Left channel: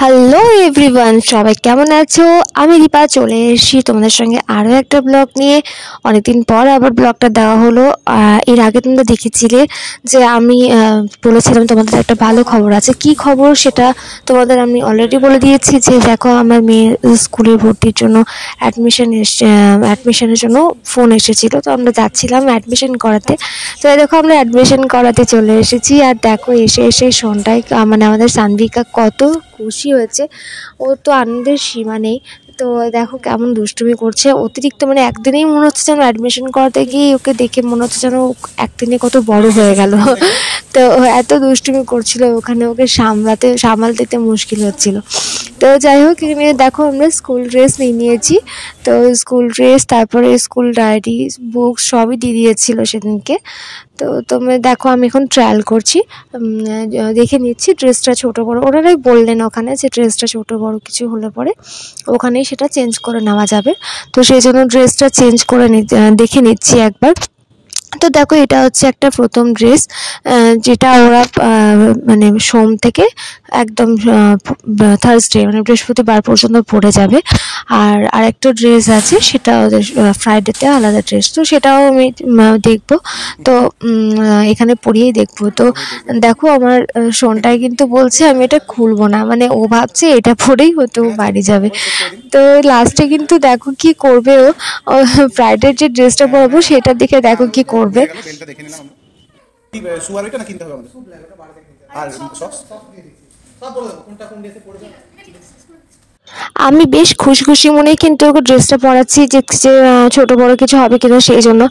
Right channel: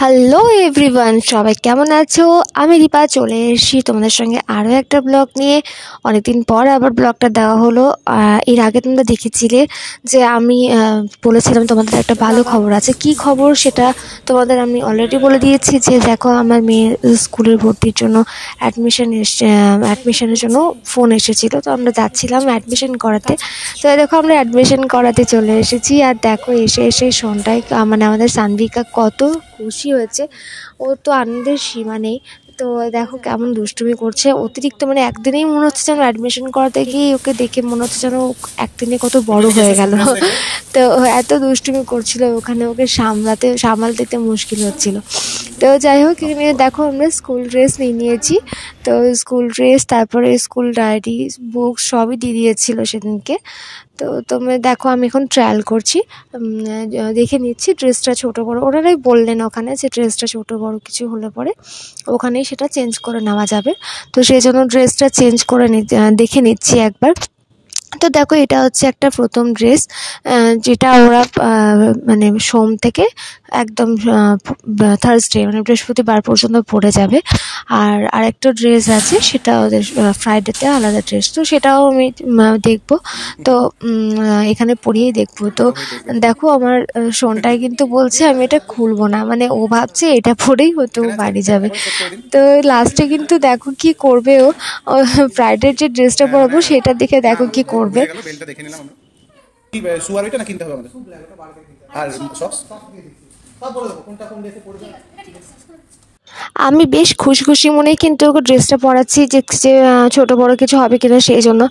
Hello everyone, সবাই কেমন আছো? আমি দীপা চলে এসেছি তোমাদের সঙ্গে আরও একটা ব্লগ নিয়ে। অনেকদিন পর আবার ব্লগটা দেওয়া হলো। এর আগে তোমরা দেখেছিলে যে আমি বলেছিলাম তোমাদের একটা ভালো খবর আছে। কি খবর সেটা তোমাদের আমি অলরেডি বলে দিয়েছি যে দেখো, আমার মেয়ের স্কুলের ভর্তির জন্য অ্যাডমিশনের জন্য ফোন এসেছিলো। তো আমরা যাচ্ছিলাম অ্যাডমিশন করাতে। তো দেখো আমরা অ্যাডমিশন করাতে চলে এসেছি। আর দেখো এসে এসে সন্ধ্যায় মানে আমাদের সানভিকা কত খুশি হয়েছে। ও তো আনন্দের সীমা নেই। তো দেখো কেমন দুষ্টুমি করছে অতিরিক্ত, মানে একদিনেই মনে হচ্ছে যেন অ্যাডমিশন করাতে গিয়ে ওকে দেখে মনে হচ্ছে যেন একদিনে কত বড় হয়ে গেল। তো এত দুষ্টুমি করছিল ওখানে, ওকে সামালতে মুশকিল হচ্ছিল। তো যাই হোক, এখানে দেখো আমরা স্কুল ড্রেস নিয়ে নিয়েছি। তো স্কুল ড্রেস, তারপরে স্কুল ডায়েরি, বুকস সবই দিয়ে দিয়েছিল সেদিনকে। তো তোমরা দেখো আমি এখন ট্রায়াল করছি, দেখে নিচ্ছি ড্রেসটা ছোটো বড়ো। ওনারাই বললেন ওখানে যে ড্রেসটা ছোটো বড়ো কিছু হলে পরে ওখানেই সেটা চেঞ্জ করে নেওয়া যাবে। তো সেই জন্য ড্রেসটা চেঞ্জ করে দেখে নিচ্ছি একবার। তো দেখো এটা হচ্ছে একটা প্রথম ড্রেস, যেটা ওরা মানে সোম থেকে একদম থার্সডে মানে বৃহস্পতিবার পর্যন্ত পরে যাবে। আর আরেকটা ড্রেস আছে, সেটা ফ্রাইডেতে আলাদা ড্রেস। তো সেটাও আমি দেখব। তো এখানে পরিয়েই দেখব। তো দেখো আমার সোনটাই কিন্তু বলছে আমি এটা খুলবো না, মানে ও ভাবছে এটা পরেই হয়তো ও বাড়ি যাবে। তো লাস্টে কিন্তু দেখো কি করবে, ও ফ্রাইডের যে ড্রেসটা পরাবো সেটা দেখে দেখো কি করবে। আমি বেশ খুশি খুশি মনেই কিন্তু ওকে ড্রেসটা পরাচ্ছি যে ছোট বড় কিছু হবে কিনা সেই জন্য।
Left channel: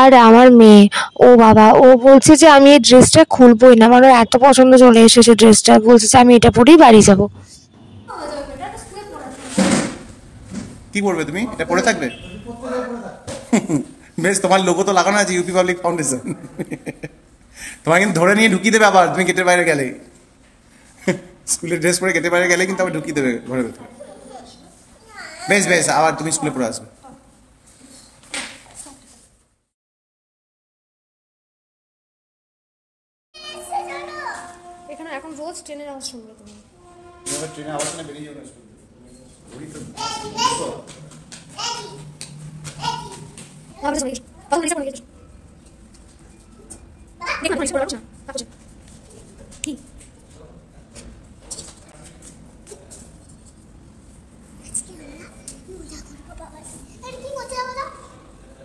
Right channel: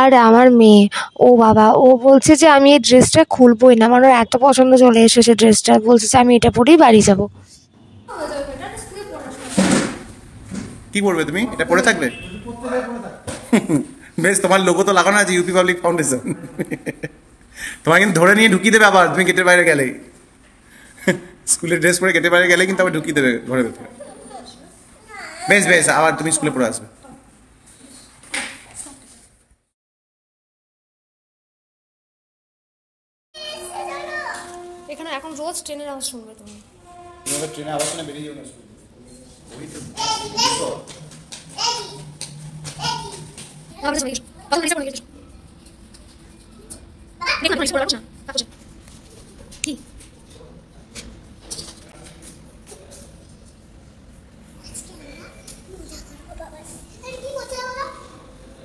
আর আমার মেয়ে, ও বাবা, ও বলছে যে আমি এই ড্রেসটা খুলবই না, মানে এত পছন্দ চলে এসেছে ড্রেসটা, বলছে যে আমি এটা পরেই বাড়ি যাবো। কি করবে তুমি? এটা পরে থাকবে? বেশ, তোমার লোগো তো লাগানো আছে, ইউপি পাবলিক ফাউন্ডেশন। তোমার কিন্তু ধরে নিয়ে ঢুকিয়ে দেবে আবার, তুমি গেটের বাইরে গেলেই। স্কুলের ড্রেস পরে গেটের বাইরে গেলেই কিন্তু আবার ঢুকিয়ে দেবে ঘরের ভেতরে। বেশ বেশ, আবার তুমি স্কুলে পড়ে আসবে। এখানে এখন রোজ ট্রেনের আওয়াজ শুনবে তুমি। ট্রেনের আওয়াজ শুনে বেরিয়ে যাবে।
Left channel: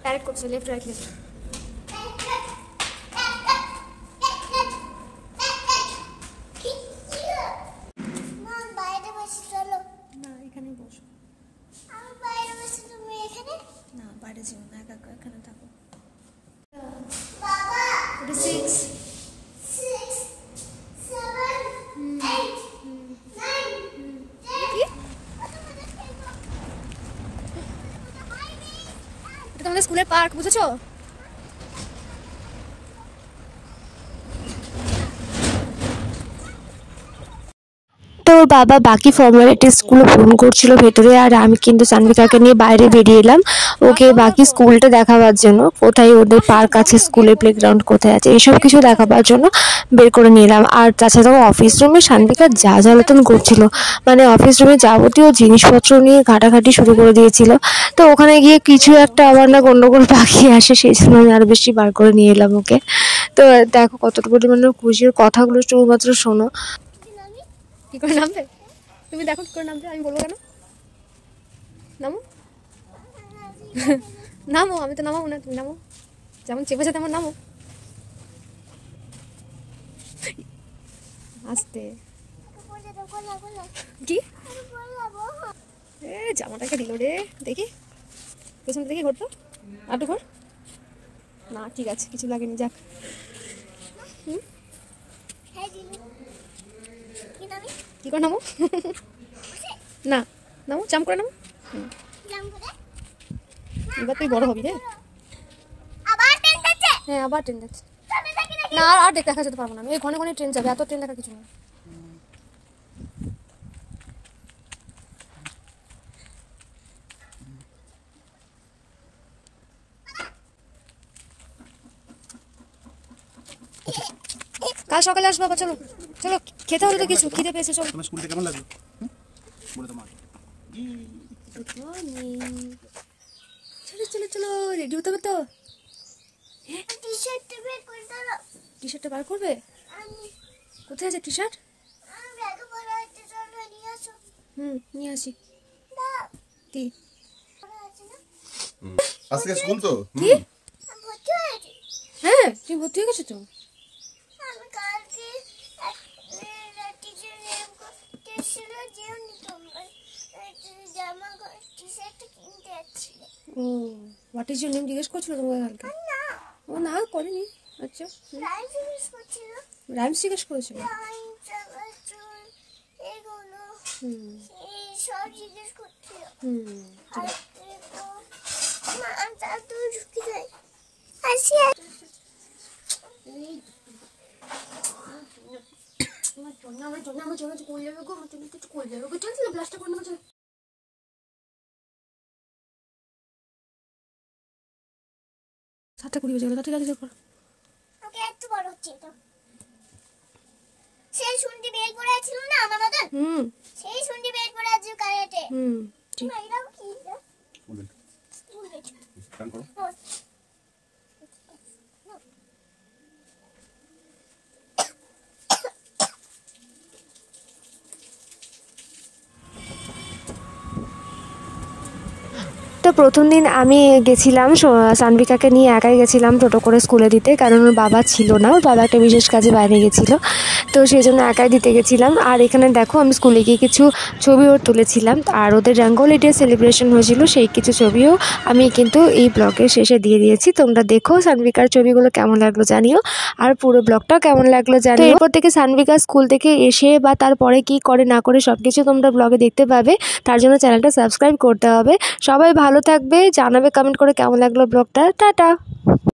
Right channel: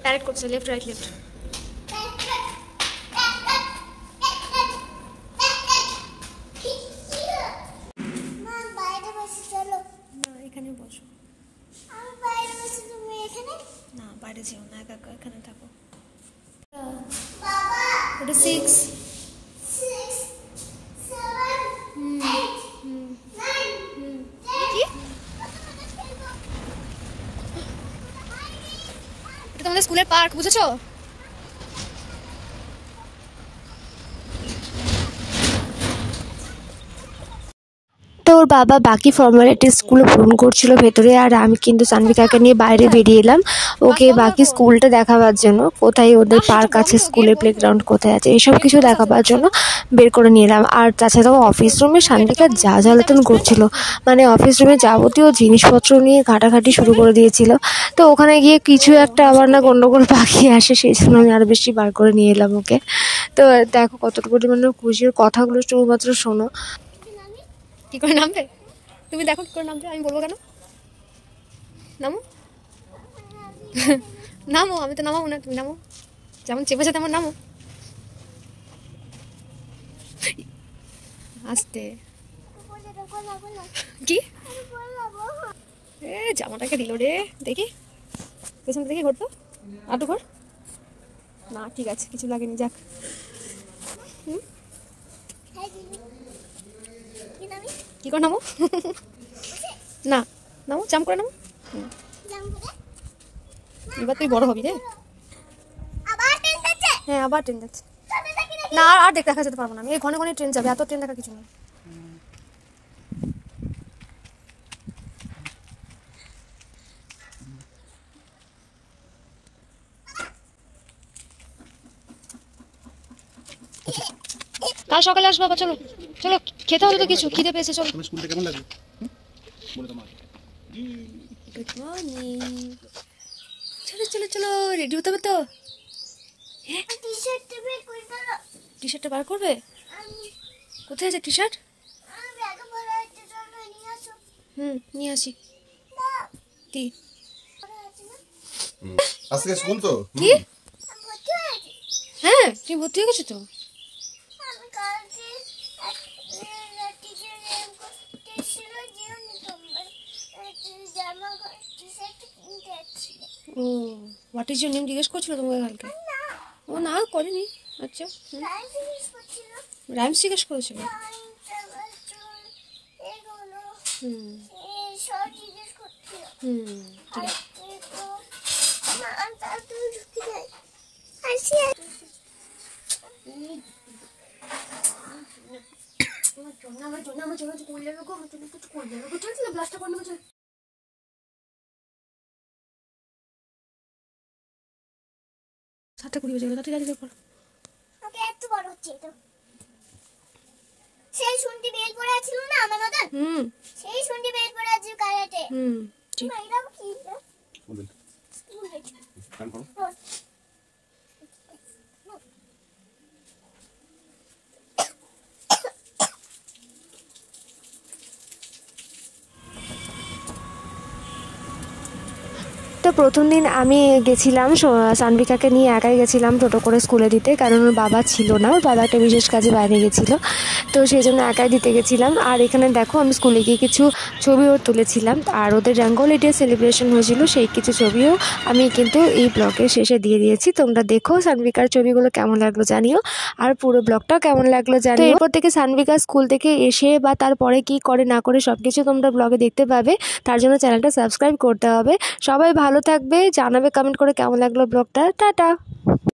ডাইরেক্ট করছে, লেফট রাইট লেফট। এখানে বসো। না বাইরে যেও না, একা একা এখানে থাকো। এটা 6 কি? এটা তোমাদের স্কুলের পার্ক, বুঝেছো? তো ওর বাবা বাকি ফর্মালিটিসগুলো পূরণ করছিল ভেতরে, আর আমি কিন্তু সানভিকাকে নিয়ে বাইরে বেরিয়ে এলাম ওকে বাকি স্কুলটা দেখাবার জন্য, কোথায় ওদের পার্ক আছে, স্কুলের প্লেগ্রাউন্ড কোথায় আছে, এইসব কিছু দেখাবার জন্য বের করে নিলাম। আর তাছাড়াও অফিস রুমে সানভিকা যা জ্বালাতন করছিল, মানে অফিস রুমে যাবতীয় জিনিসপত্র নিয়ে ঘাটাঘাটি শুরু করে দিয়েছিল। তো ওখানে গিয়ে কিছু একটা আবার না গন্ডগোল পাখি আসে, সেই জন্য আমি আরও বেশি বার করে নিয়ে এলাম ওকে। তো দেখো কতটুকু পরিমাণে খুশির কথাগুলো শুধুমাত্র শোনো। কি করে নামবে তুমি? দেখো কি করে নামবে, আমি বলবো কেন? নামো। নামো, আমি তো নামাবো না, তুমি নামো। যেমন চেপেছে তেমন নামো। আস্তে। কি জামাটাকে দিল রে, দেখি পেছনটা দেখি, ঘরতো আটু ঘর না, ঠিক আছে কিছু লাগেনি, যাক। কি করে নামো? না নামো, জাম করে নামো। এবার তুই বড় হবি রে। হ্যাঁ আবার ট্রেন যাচ্ছে না, আর দেখা যেতে পারবো না আমি, এই ঘনে ঘনে ট্রেন যাবে, এত ট্রেন দেখা কিছু না। কাল সকালে আসবো আবার, চলো চলো খেতে হবে তো কিছু, খিদে পেয়েছে, চলো। তোমার স্কুলটা কেমন লাগলো? বলে তোমার গুড মর্নিং। চলো চলো চলো, রেডি হতে হবে তো। হ্যাঁ, টি শার্টটা বার করবে? কোথায় আছে টি শার্ট? নিয়ে আসি। কি আজকে স্কুল তো? কি? হ্যাঁ, তুমি ভর্তি হয়ে গেছো তো? ও, হোয়াট ইজ ইউর নেম জিজ্ঞেস করছিল তোমাকে কালকে? ও না, করেনি। আচ্ছা, রাইমস জিজ্ঞেস করেছিল। হুম হুম, ঠিক আছে। সাতটা 20 বেজে গেল, ঠিক আছে কর। ওকে এত বড় হচ্ছে এটা। সেই শুনটি বেল পড়ে ছিল না আমার মতন? সেই শুনটি বেল পড়ে আছে কারাতে। ঠিক আছে, এটা কি? বলেন স্কুল বেচ কান করো। তো প্রথম দিন আমি গেছিলাম সানভিকাকে নিয়ে, একাই গেছিলাম টোটো করে স্কুলে দিতে, কারণ ওর বাবা ছিল না, ওর বাবা একটা বিশেষ কাজে বাইরে গেছিলো, তো সেই জন্য একাই দিতে গেছিলাম। আর এখানে দেখো আমি স্কুলে গিয়ে কিছু ছবিও তুলেছিলাম, আর ওদের রঙ্গোলি ডে সেলিব্রেশন হয়েছিল, সেই কিছু ছবিও আমি কিন্তু এই ব্লগের শেষে দিয়ে দিয়েছি। তোমরা দেখো সানভিকার ছবিগুলো কেমন লাগলো জানিও, আর পুরো ব্লগটাও কেমন লাগলো জানিও। এরপর থেকে সানভিকা স্কুল থেকে এসে বা তারপরে কি করে না করে সব কিছু তোমরা ব্লগে দেখতে পাবে, তার জন্য চ্যানেলটা সাবস্ক্রাইব করতে হবে। সবাই ভালো থাকবে, জানাবে কমেন্ট করে কেমন লাগলো ব্লগটা। টাটা।